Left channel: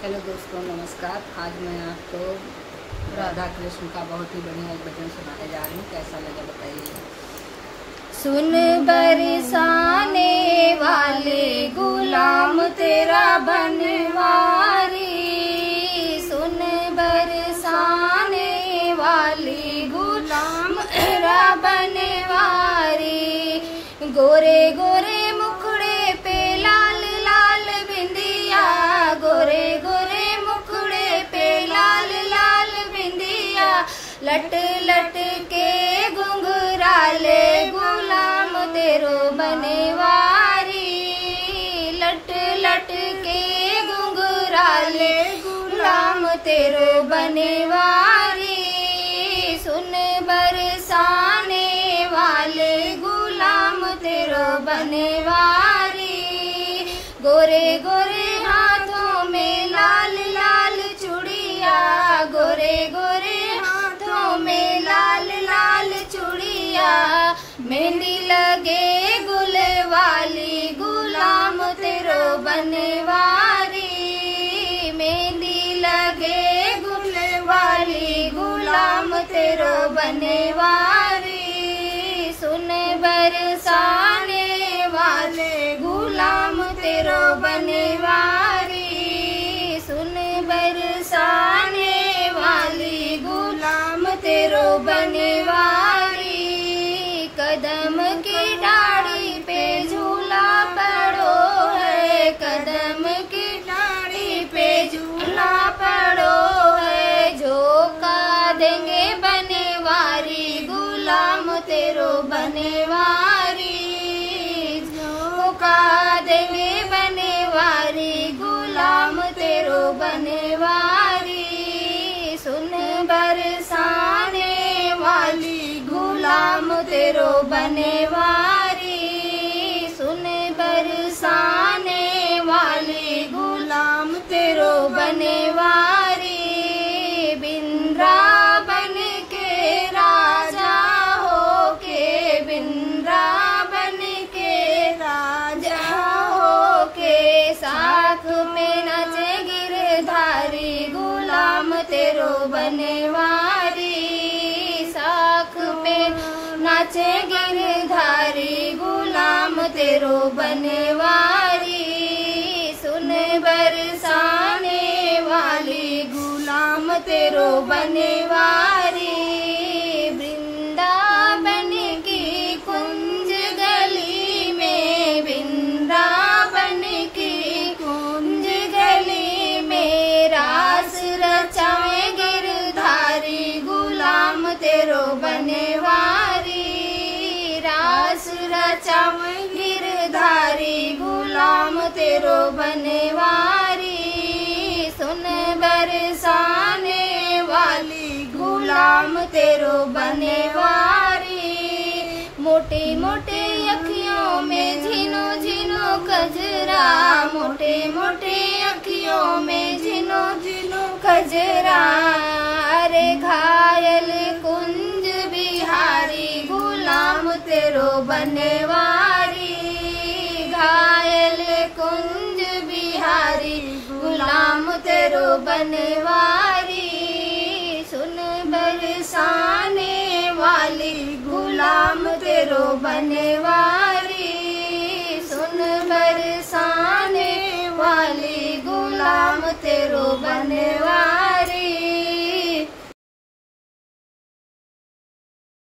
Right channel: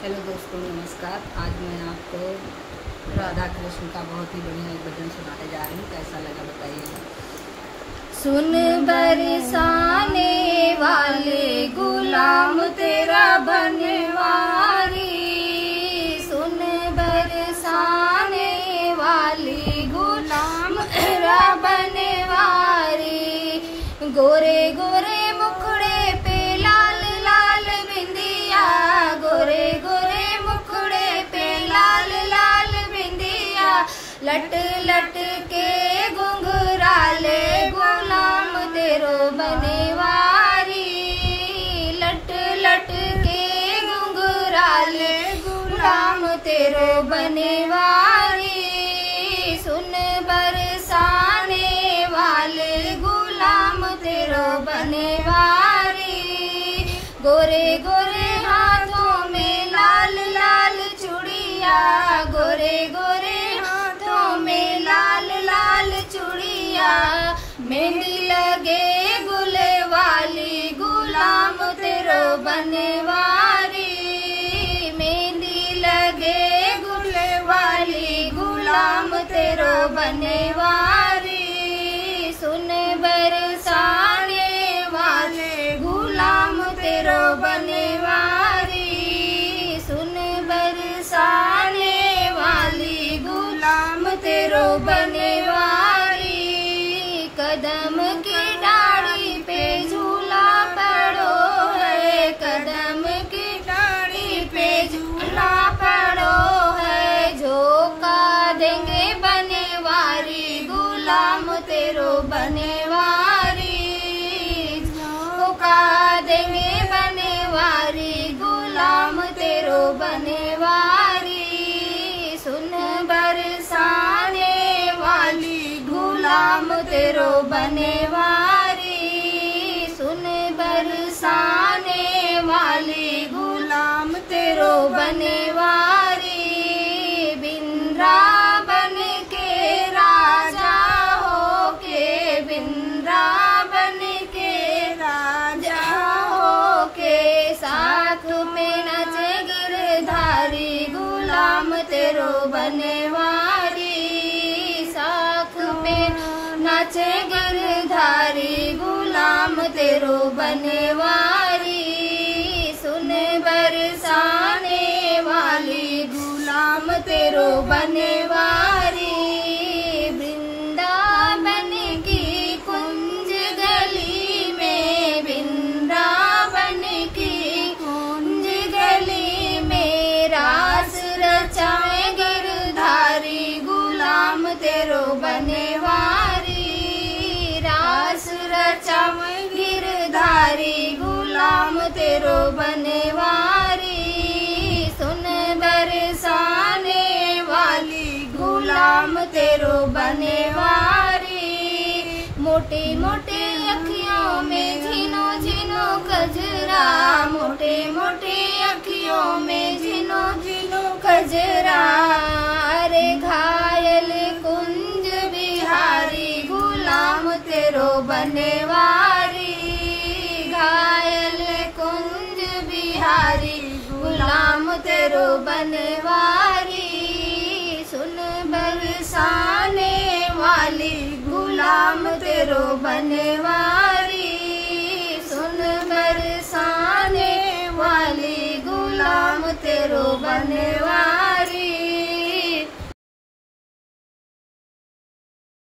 Hello दोस्तों, नमस्कार। आज मैं आपको राधा कृष्ण का बहुत ही बढ़िया एक भजन सुनाने जा रही हूँ। कैसा लगा बताइए। सुन बरसाने वाले गुलाम तेरा बनवारी, सुन बरसाने वाले गुलाम तेरा बनवारी। गोरे गोरे मुखड़े पे लाल लाल बिंदिया, गोरे गोरे मुखड़े पे लाल लाल बिंदिया। लट लट के घुंघराले गुलाम तेरो बनवारी, लट लट के घुंघराले गुलाम तेरो बनवारी। सुन बरसाने वाले गुलाम तेरो बनवारी। गोरे गोरे हाथों में लाल लाल चूड़िया, गोरे गोरे हाथों में लाल लाल चूड़िया। मेहंदी लगे गुल वाली गुलाम तेरो बनवारी, मेहंदी लगे गुल वाली गुलाम तेरो बनवारी। सुन बरसाने वाले गुलाम तेरो बनवारी, सुन बरसाने वाली गुलाम तेरो बनवारी। कदम की डाढ़ी पे झूला पड़ो है, कदम की डाढ़ी पे झूला पड़ो है। झोंका देंगे बनवारी गुलाम तेरो बनवारी, झोंका देंगे बनवारी गुलाम तेरो बनवारी। सुन बरसाने वाली गुलाम तेरो बनवारी, सुन बरसाने वाली गुलाम तेरो बनवारी। बिंद्रावन के राजा हो के, बिंद्रावन के राजा हो के। साख पे नचे गिरधारी गुलाम तेरो बनवारी, साख पे नाचे गिरधारी गुलाम तेरो बनवारी। सुन बरसाने वाली गुलाम तेरो बनवारी। वृंदावन की कुंज गली में, वृंदावन की कुंज गली में। रास रचाए गिरधारी गुलाम तेरो बनवारी, रास रचाए गिरधारी गुलाम तेरो बनवारी। सुन बरसाने वाली गुलाम तेरो बनवारी। मोटे मोटे अखियों में झिनो झिनो कजरा, मोटे मोटे अखियों में झिनो झिनो कजरा। अरे घायल कुंज बिहारी गुलाम तेरो बनवारी, घायल कुंज बिहारी गुलाम तेरो बनवारी। सुन बरसाने वाली गुलाम तेरो बनवारी, सुन बरसाने वाली गुलाम तेरो बनवारी।